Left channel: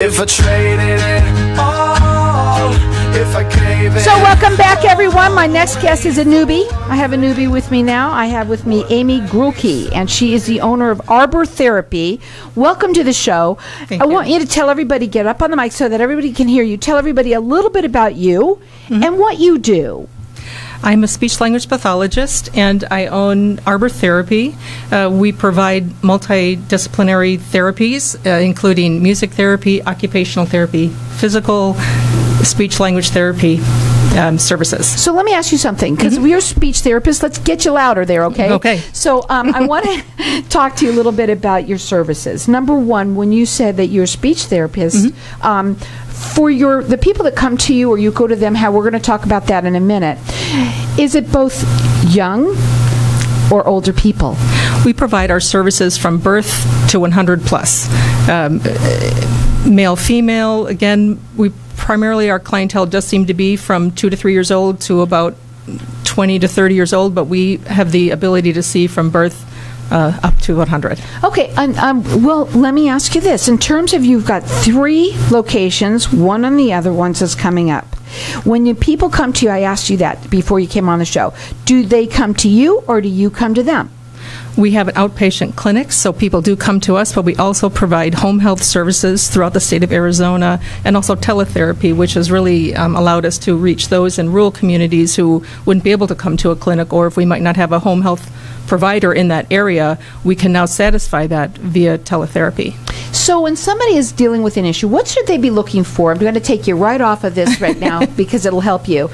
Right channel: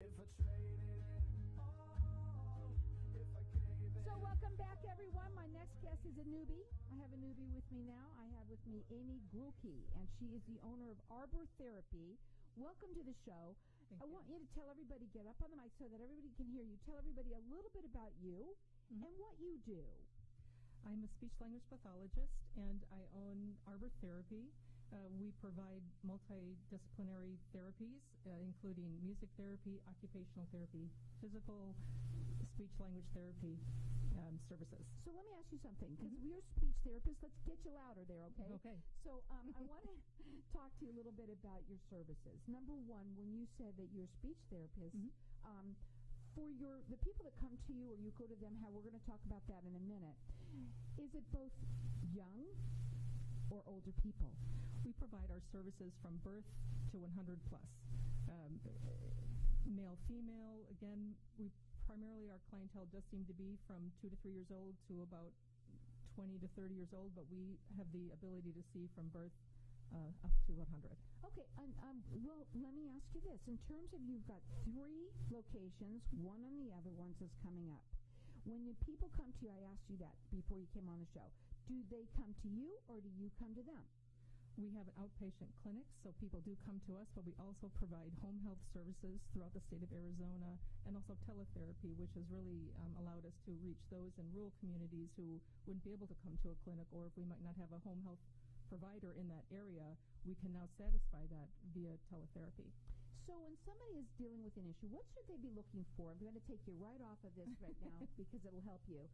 If I traded it all, if I gave it. So welcome back, everyone. My next guest is a newbie. I have a newbie with me now. I have with me Amy Grulke, and she is the owner of Arbor Therapy. Welcome to the show. Thank you. Want you to tell everybody, get up on the mic so that everybody can hear you. Tell everybody a little bit about you and what you do. I'm a speech-language pathologist, and I own Arbor Therapy. We provide multidisciplinary therapies, including music therapy, occupational therapy, physical, speech-language therapy services. So let me ask you something, because we're speech therapists. Let's get you louder there, okay? Okay. So I want to talk to you a little bit about your services. Number one, when you said that you're a speech therapist, for the people that come to you or you go to them, how we're going to talk about that in a minute, is it both young or older people? We provide our services from birth to 100 plus. Male, female, again, primarily our clientele does seem to be from 2 to 3 years old to about 20 to 30 years old, but we have the ability to see from birth up to 100. Okay, well, let me ask you this. In terms of, you've got 3 locations, one on the other ones is coming up. When people come to you, I asked you that before you came on the show, do they come to you or do you come to them? We have an outpatient clinic, so people do come to us, but we also provide home health services throughout the state of Arizona, and also teletherapy, which has really allowed us to reach those in rural communities who wouldn't be able to come to a clinic, or if we might not have a home health provider in that area, we can now satisfy that via teletherapy. So when somebody is dealing with an issue, what should they be looking for? I'm going to take you right off of this right now because it'll help you.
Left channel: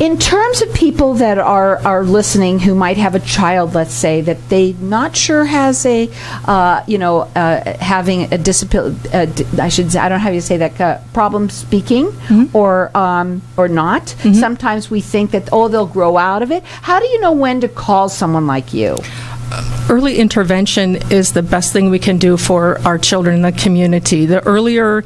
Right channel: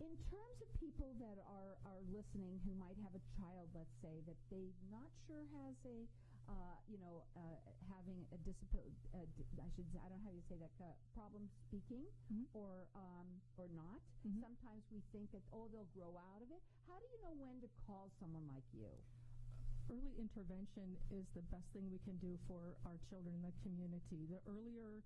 In terms of people that are listening who might have a child, let's say, that they not sure has a, having a disability, I should say, I don't know how you say that, problem speaking or not. Sometimes we think that, oh, they'll grow out of it. How do you know when to call someone like you? Early intervention is the best thing we can do for our children in the community. The earlier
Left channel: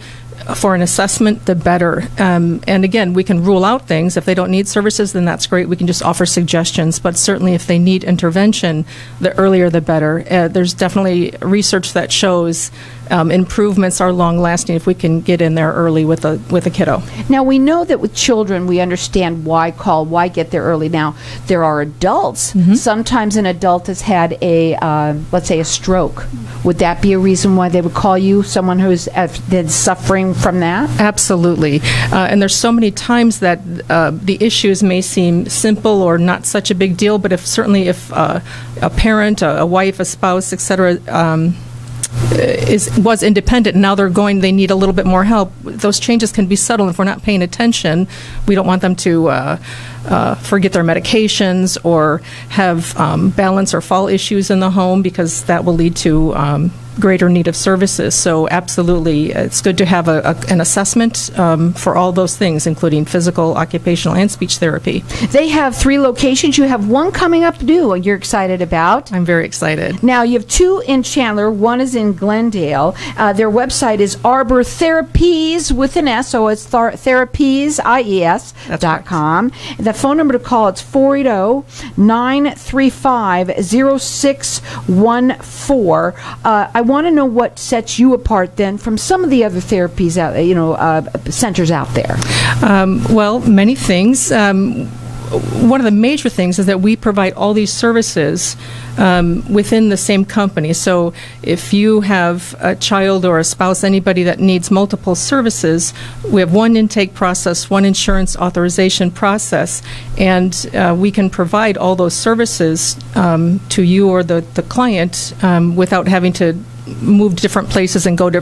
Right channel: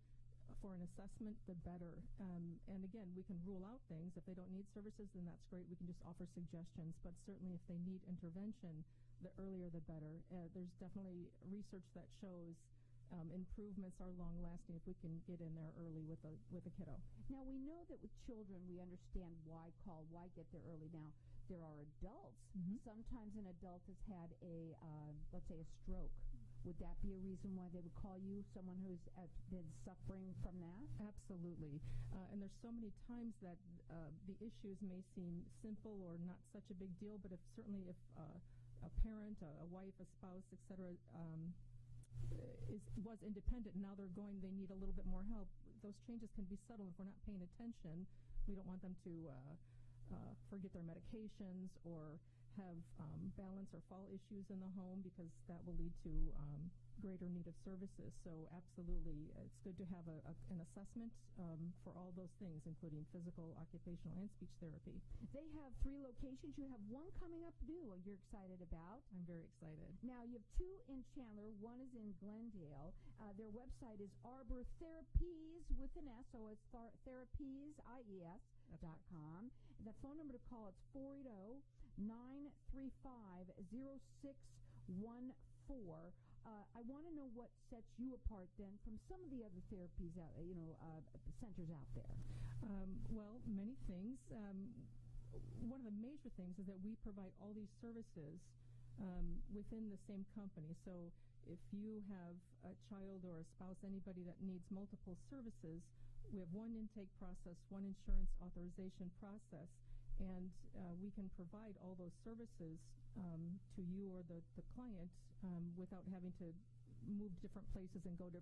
for an assessment, the better. And again, we can rule out things. If they don't need services, then that's great. We can just offer suggestions. But certainly if they need intervention, the earlier the better. There's definitely research that shows improvements are long-lasting if we can get in there early with a kiddo. Now, we know that with children, we understand why call, why get there early. Now, there are adults. Sometimes an adult has had a, let's say, a stroke. Would that be a reason why they would call you, someone who's been suffering from that? Absolutely. And there's so many times that the issues may seem simple or not such a big deal, but certainly if a parent, a wife, a spouse, etc., was independent, and now they need a little bit more help, those changes can be subtle. If we're not paying attention, we don't want them to forget their medications or have balance or fall issues in the home, because that will lead to greater need of services. So absolutely, it's good to have an assessment for all those things, including physical, occupational, and speech therapy. They have 3 locations. You have one coming up due, and you're excited about. I'm very excited. Now, you have 2 in Chandler. One is in Glendale. Their website is Arbor Therapies with an S, so it's therapies.com. The phone number to call, it's 480-935-0614. I want to know what sets you apart then from some of the other therapies out, centers out there. Well, many things. One of the major things is that we provide all these services within the same company. So if you have a child or a spouse, anybody that needs multiple services, we have one intake process, one insurance authorization process, and we can provide all those services to you or the client without having to move to different places and go to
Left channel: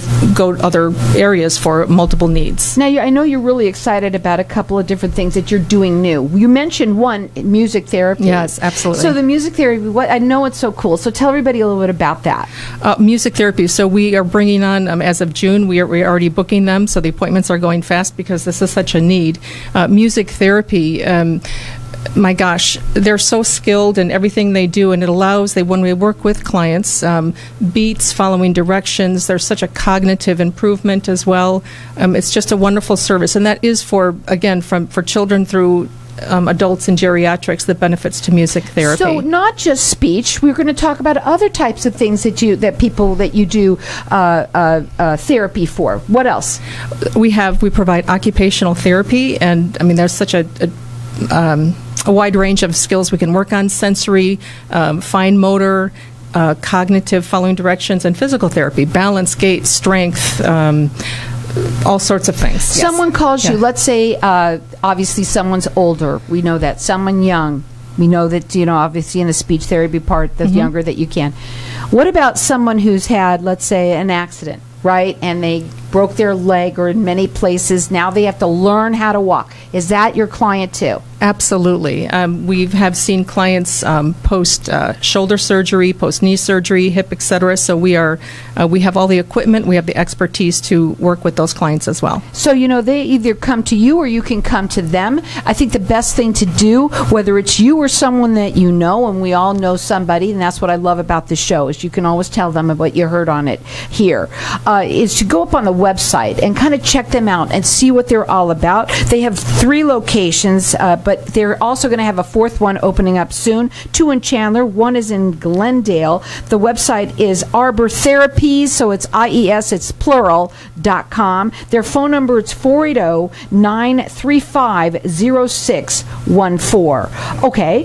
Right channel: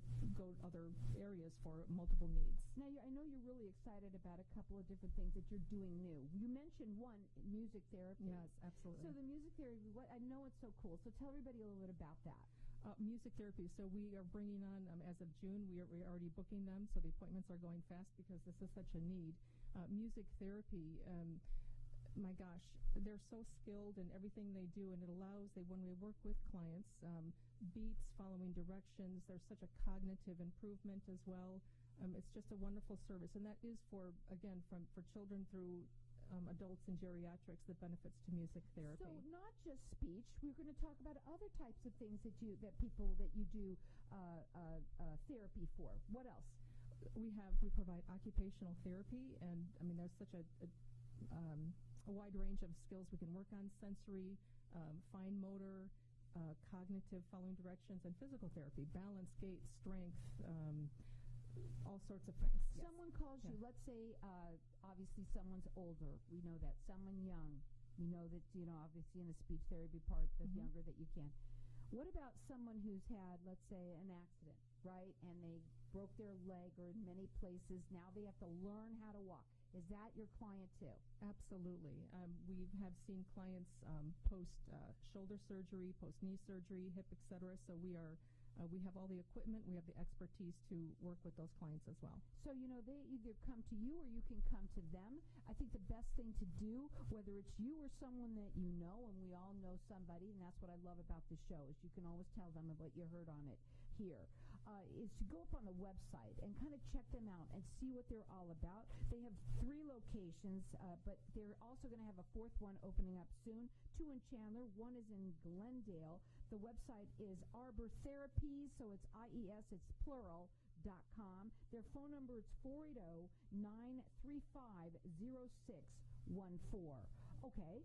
other areas for multiple needs. Now, I know you're really excited about a couple of different things that you're doing new. You mentioned one, music therapy. Yes, absolutely. So the music therapy, I know it's so cool. So tell everybody a little bit about that. Music therapy. So we are bringing on, as of June, we are already booking them. So the appointments are going fast because this is such a need. Music therapy. My gosh, they're so skilled in everything they do, and it allows, when we work with clients, beats, following directions, there's such a cognitive improvement as well. It's just a wonderful service, and that is for, again, for children through adults in geriatrics, the benefits to music therapy. So not just speech. We're going to talk about other types of things that you do therapy for. What else? We provide occupational therapy, and I mean there's such a wide range of skills we can work on: sensory, fine motor, cognitive, following directions, and physical therapy, balance, gait, strength. All sorts of things. Someone calls you, let's say, obviously someone's older. We know that. Someone young. We know that, obviously in the speech therapy part, the younger that you can. What about someone who's had, let's say, an accident, right? And they broke their leg, or in many places now they have to learn how to walk. Is that your client too? Absolutely. We have seen clients post shoulder surgery, post knee surgery, hip, etc. So we have all the equipment, we have the expertise to work with those clients as well. So they either come to you or you can come to them. I think the best thing to do, whether it's you or someone that you know, and we all know somebody, and that's what I love about the show, is you can always tell them what you heard on it here, is to go up on the website and kind of check them out and see what they're all about. They have 3 locations, but they're also going to have a 4th one opening up soon. 2 in Chandler, 1 is in Glendale. The website is Arbor Therapy, so it's IES, it's plural.com. Their phone number is 480-935-0614. Okay,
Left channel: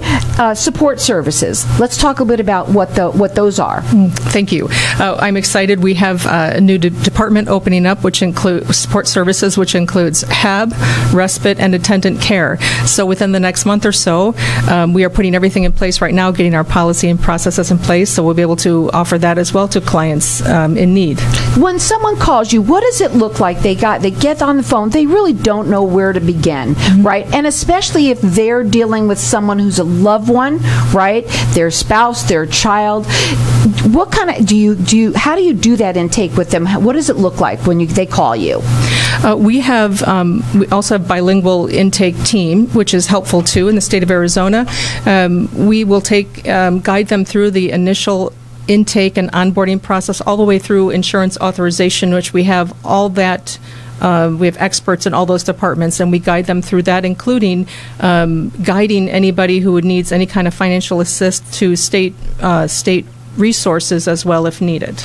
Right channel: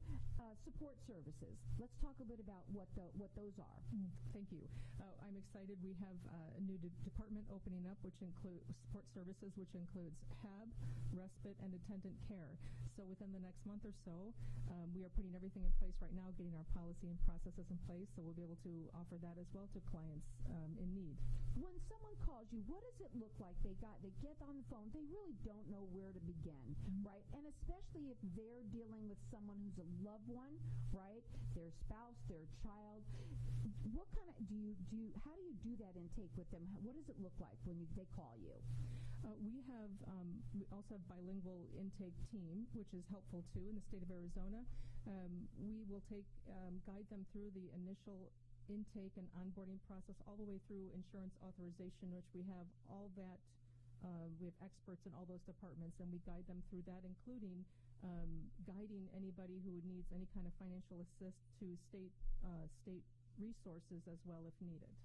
support services. Let's talk a bit about what those are. Thank you. I'm excited. We have a new department opening up, which includes support services, which includes HAB, respite, and attendant care. So within the next month or so, we are putting everything in place right now, getting our policy and processes in place, so we'll be able to offer that as well to clients in need. When someone calls you, what does it look like? They get on the phone, they really don't know where to begin, right? And especially if they're dealing with someone who's a loved one, right? Their spouse, their child. What kind of how do you do that intake with them? What does it look like when they call you? We also have bilingual intake team, which is helpful too in the state of Arizona. We will guide them through the initial intake and onboarding process all the way through insurance authorization, which we have all that. We have experts in all those departments, and we guide them through that, including guiding anybody who needs any kind of financial assist to state resources as well if needed.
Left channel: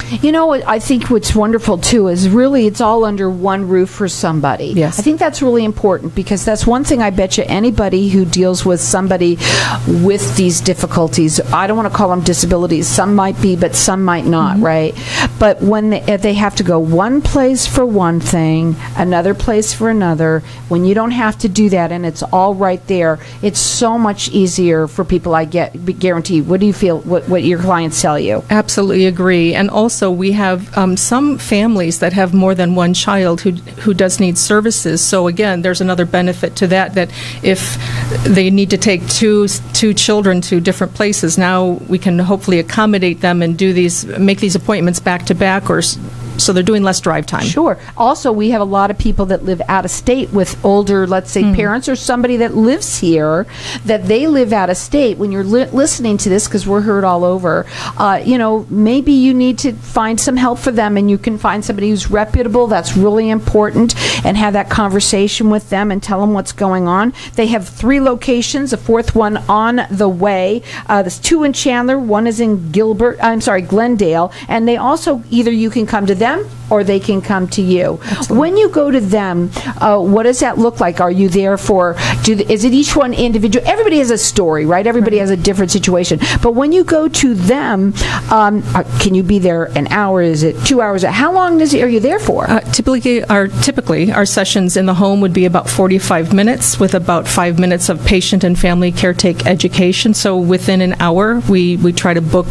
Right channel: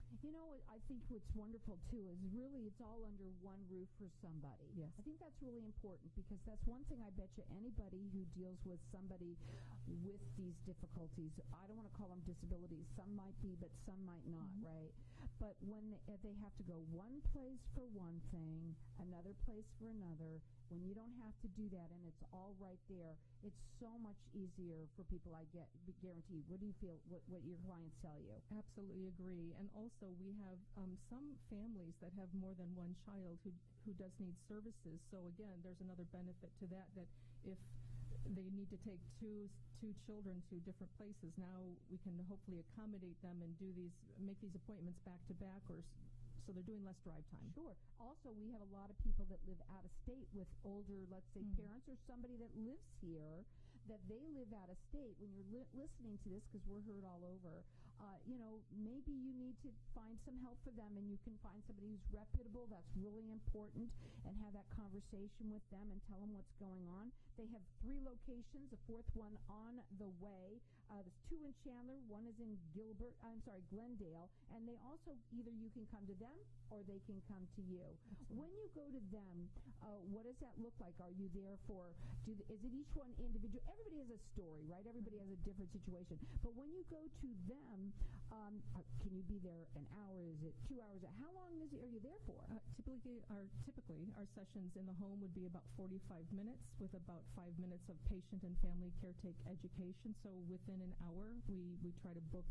I think what's wonderful too is really it's all under one roof for somebody. Yes. I think that's really important, because that's one thing I bet you anybody who deals with somebody with these difficulties, I don't want to call them disabilities, some might be, but some might not, right? But when they have to go one place for one thing, another place for another, when you don't have to do that and it's all right there, it's so much easier for people, I guarantee. What do you feel, what your clients tell you? Absolutely agree. And also we have some families that have more than one child who does need services. So again, there's another benefit to that if they need to take two children to different places, now we can hopefully accommodate them and make these appointments back to back, so they're doing less drive time. Sure. Also, we have a lot of people that live out of state with older, let's say, parents, or somebody that lives here, that they live out of state. When you're listening to this, because we're heard all over, maybe you need to find some help for them, and you can find somebody who's reputable. That's really important, and have that conversation with them and tell them what's going on. They have 3 locations, a 4th one on the way. There's 2 in Chandler, 1 is in Glendale, and they also, either you can come to them or they can come to you. Absolutely. When you go to them, what does that look like? Are you there is it each one individual? Everybody has a story, right? Everybody has a different situation. But when you go to them, can you be there an hour? Is it 2 hours? How long are you there for? Typically, our sessions in the home would be about 45 minutes with about 5 minutes of patient and family caretake education. So within an hour, we try to book,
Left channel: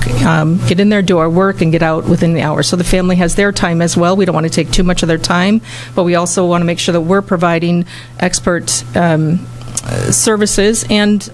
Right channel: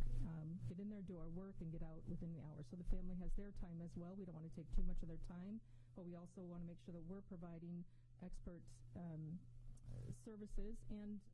get in there, do our work, and get out within the hour. So the family has their time as well. We don't want to take too much of their time, but we also want to make sure that we're providing expert services and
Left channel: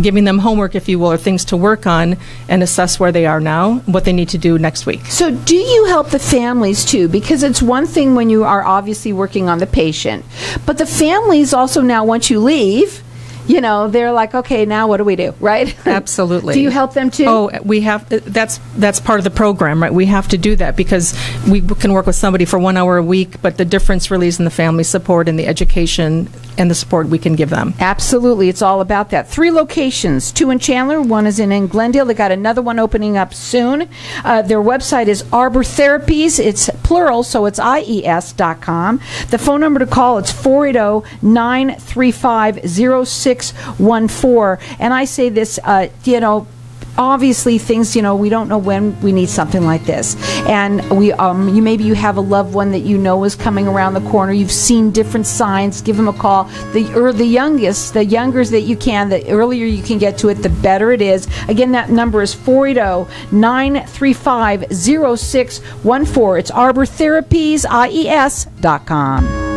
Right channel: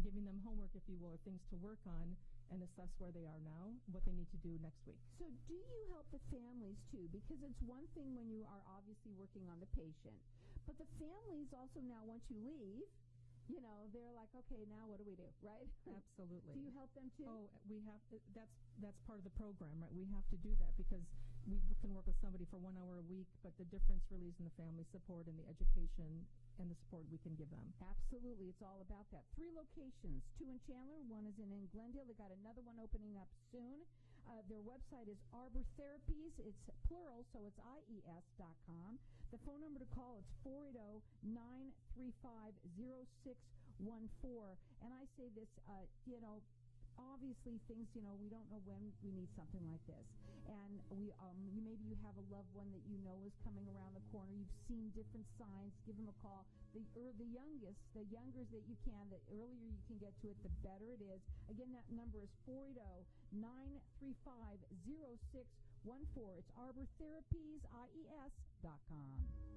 giving them homework, if you will, or things to work on and assess where they are now, what they need to do next week. So do you help the families too? Because it's one thing when you are obviously working on the patient, but the families also now, once you leave, you know, they're like, okay, now what do we do, right? Absolutely. Do you help them too? Oh, we have. That's part of the program, right? We have to do that because we can work with somebody for 1 hour a week, but the difference really is in the family support and the education and the support we can give them. Absolutely. It's all about that. 3 locations, 2 in Chandler, 1 is in Glendale. They got another one opening up soon. Their website is Arbor Therapies. It's plural, so it's IES.com. The phone number to call, it's 480-935-0614. And I say this, you know, obviously things, you know, we don't know when we need something like this, and maybe you have a loved one that you know is coming around the corner. You've seen different signs. Give them a call. The younger that you can, the earlier you can get to it, the better it is. Again, that number is 480-935-0614. It's Arbor Therapies, IES.com.